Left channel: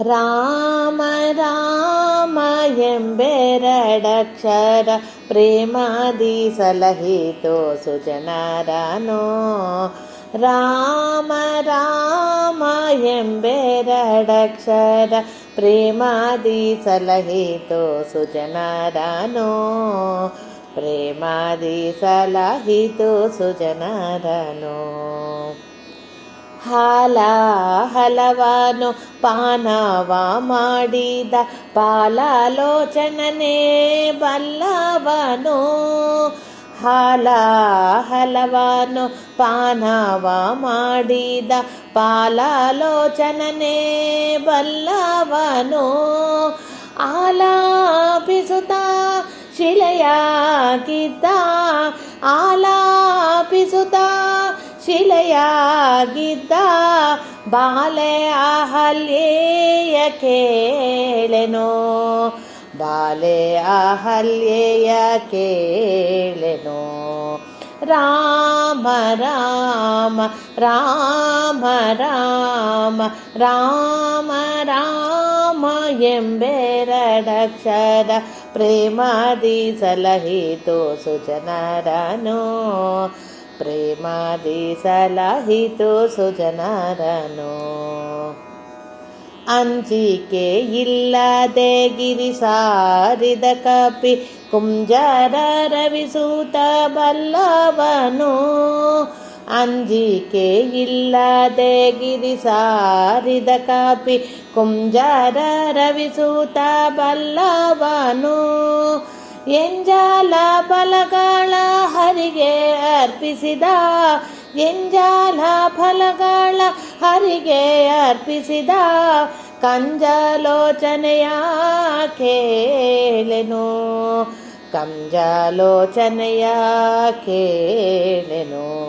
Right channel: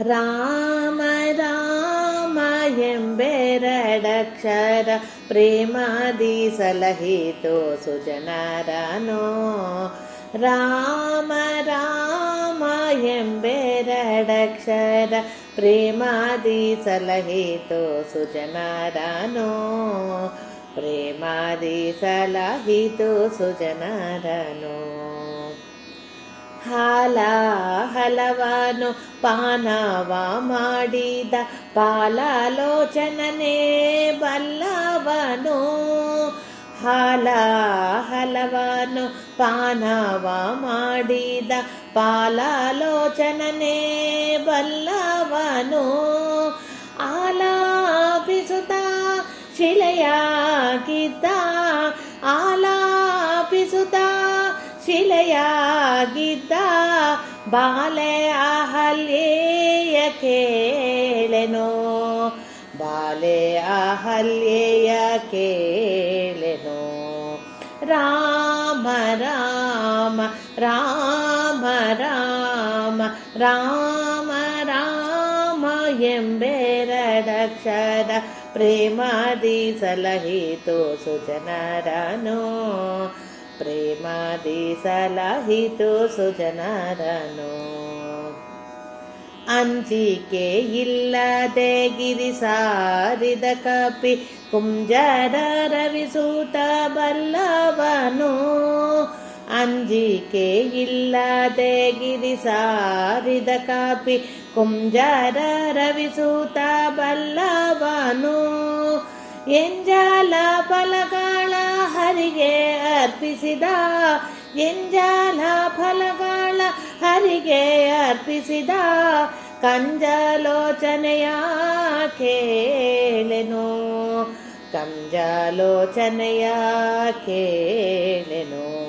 ರಾಮ ರಾಮ ಎಂಬೆರಡಕ್ಷರ ಪ್ರೇಮಾದಿ ಸಲಹಿತೋ ಸುಜನರನೋ. ರಾಮ ರಾಮ ಎಂಬೆರಡಕ್ಷರ ಪ್ರೇಮಾದಿ ಸಲಹಿತೋ ಸುಜನರನೋ. ಪ್ರೇಮಾದಿ ಸಲಹಿತೋ ಸುಜನರನೋ. ಹಾಲ ಹಲವನು ಪಾನವ ಮಾಡಿದ ಪಾಲಾಲೋಚನನೇ ಬಲ್ಲವನು. ಹಾಲ ಹಲವನು ಪಾನವ ಮಾಡಿದ ಪಾಲಾಲೋಚನನೇ ಬಲ್ಲವನು. ಆಲಾಪಿಸುತ್ತ ಶಿಲೆಯಾಗಿದ್ದ ಆಲಾಪಿಸುತ್ತ ಶಿಲೆಯಾಗಿದ್ದ ಬಾಲೆ ಅಹಲ್ಯೆಯ ಕೇಳೆನೋ. ಬಾಲೆ ಅಹಲ್ಯೆಯ ಕೇಳೆನೋ. ರಾಮ ರಾಮ ರಾಮ ರಾಮ ರಾಮ ರಾಮ ಎಂಬೆರಡಕ್ಷರ ಪ್ರೇಮಾದಿ ಸಲಹಿತೋ ಸುಜನರನೋ. ಪ್ರೇಮಾದಿ ಸಲಹಿತೋ ಸುಜನರನೋ. ಅಂಜಿಕೆ ಇಲ್ಲದೆ ಗಿರಿ ಸಾರಿದ ಕಪಿ ಕುಂಜರ ರವಿಸೂತ ಬಲ್ಲವನು. ಅಂಜಿಕೆ ಇಲ್ಲದೆ ಗಿರಿ ಸಾರಿದ ಕಪಿ ಕುಂಜರ ರವಿಸೂತ ಬಲ್ಲವನು. ಎಂಜಾಲ ಫಲಗಳ ಹರಿಗೆ ಅರ್ಪಿಸಿದ ಎಂಜಾಲ ಫಲಗಳ ಹರಿಗೆ ಅರ್ಪಿಸಿದ ಕಂಜಲೋಚನೆಯ ಕೇಳೆನು. ಕಂಜಲೋಚನೆಯ ಕೇಳೆನು.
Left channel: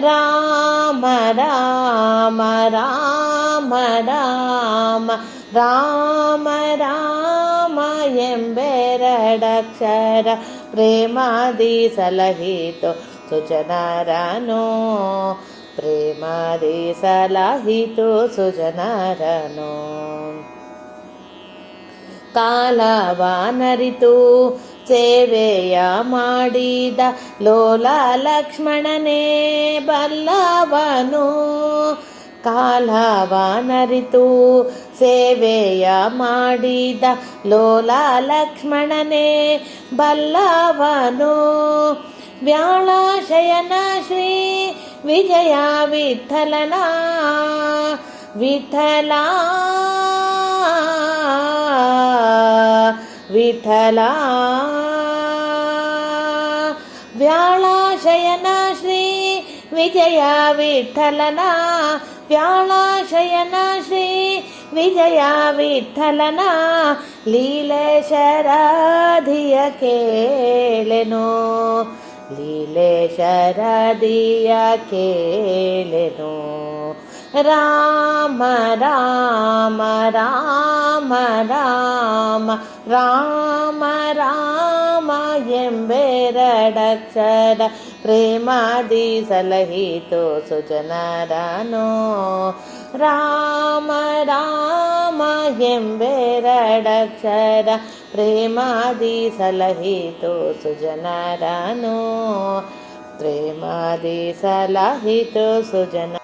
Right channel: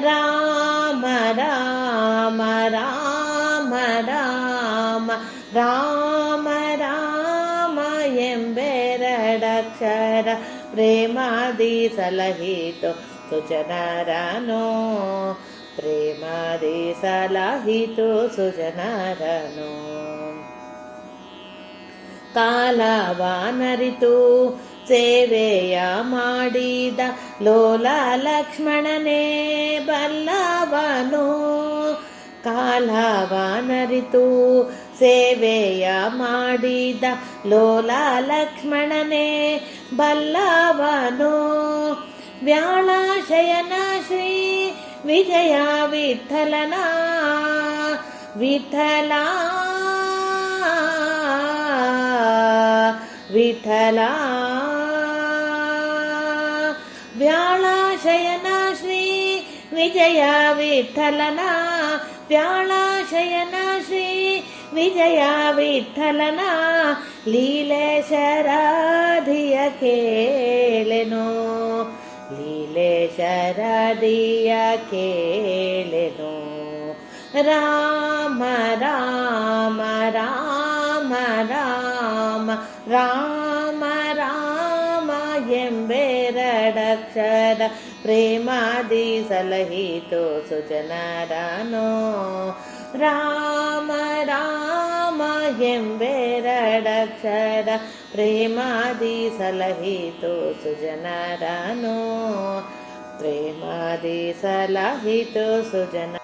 ರಾಮ ರಾಮ ರಾಮ ರಾಮ ರಾಮ ರಾಮ ಎಂಬೆರಡಕ್ಷರ ಪ್ರೇಮಾದಿ ಸಲಹಿತೋ ಸುಜನರನೋ. ಪ್ರೇಮಾದಿ ಸಲಹಿತೋ ಸುಜನರನೋ. ಕಾಲವನರಿತು ಸೇವೆಯ ಮಾಡಿದ ಲೋಲ ಲಕ್ಷ್ಮಣನೇ ಬಲ್ಲವನು. ಕಾಲವನರಿತು ಸೇವೆಯ ಮಾಡಿದ ಲೋಲ ಲಕ್ಷ್ಮಣನೇ ಬಲ್ಲವನು. ವ್ಯಾಳಶಯನ ಶ್ರೀ ವಿಜಯ ವಿಠಲನ ವಿಠಲ ವಿಠಲ. ವ್ಯಾಳಶಯನ ಶ್ರೀ ವಿಜಯ ವಿಠಲನ ವ್ಯಾಳಶಯನ ಶ್ರೀ ವಿಜಯ ವಿಠಲನ ಲೀಲೇಶರಾಧಿಯ ಕೇಳೆನೋ. ಲೀಲೇಶರಾಧಿಯ ಕೇಳೆನೋ. ರಾಮ ರಾಮ ರಾಮ ರಾಮ ರಾಮ ರಾಮ ಎಂಬೆರಡಕ್ಷರ ಪ್ರೇಮಾದಿ ಸಲಹಿತೋ ಸುಜನರನೋ. ರಾಮ ರಾಮ ಎಂಬೆರಡಕ್ಷರ ಪ್ರೇಮಾದಿ ಸಲಹಿತೋ ಸುಜನರನೋ. ಪ್ರೇಮಾದಿ ಸಲಹಿತೋ ಸುಜನ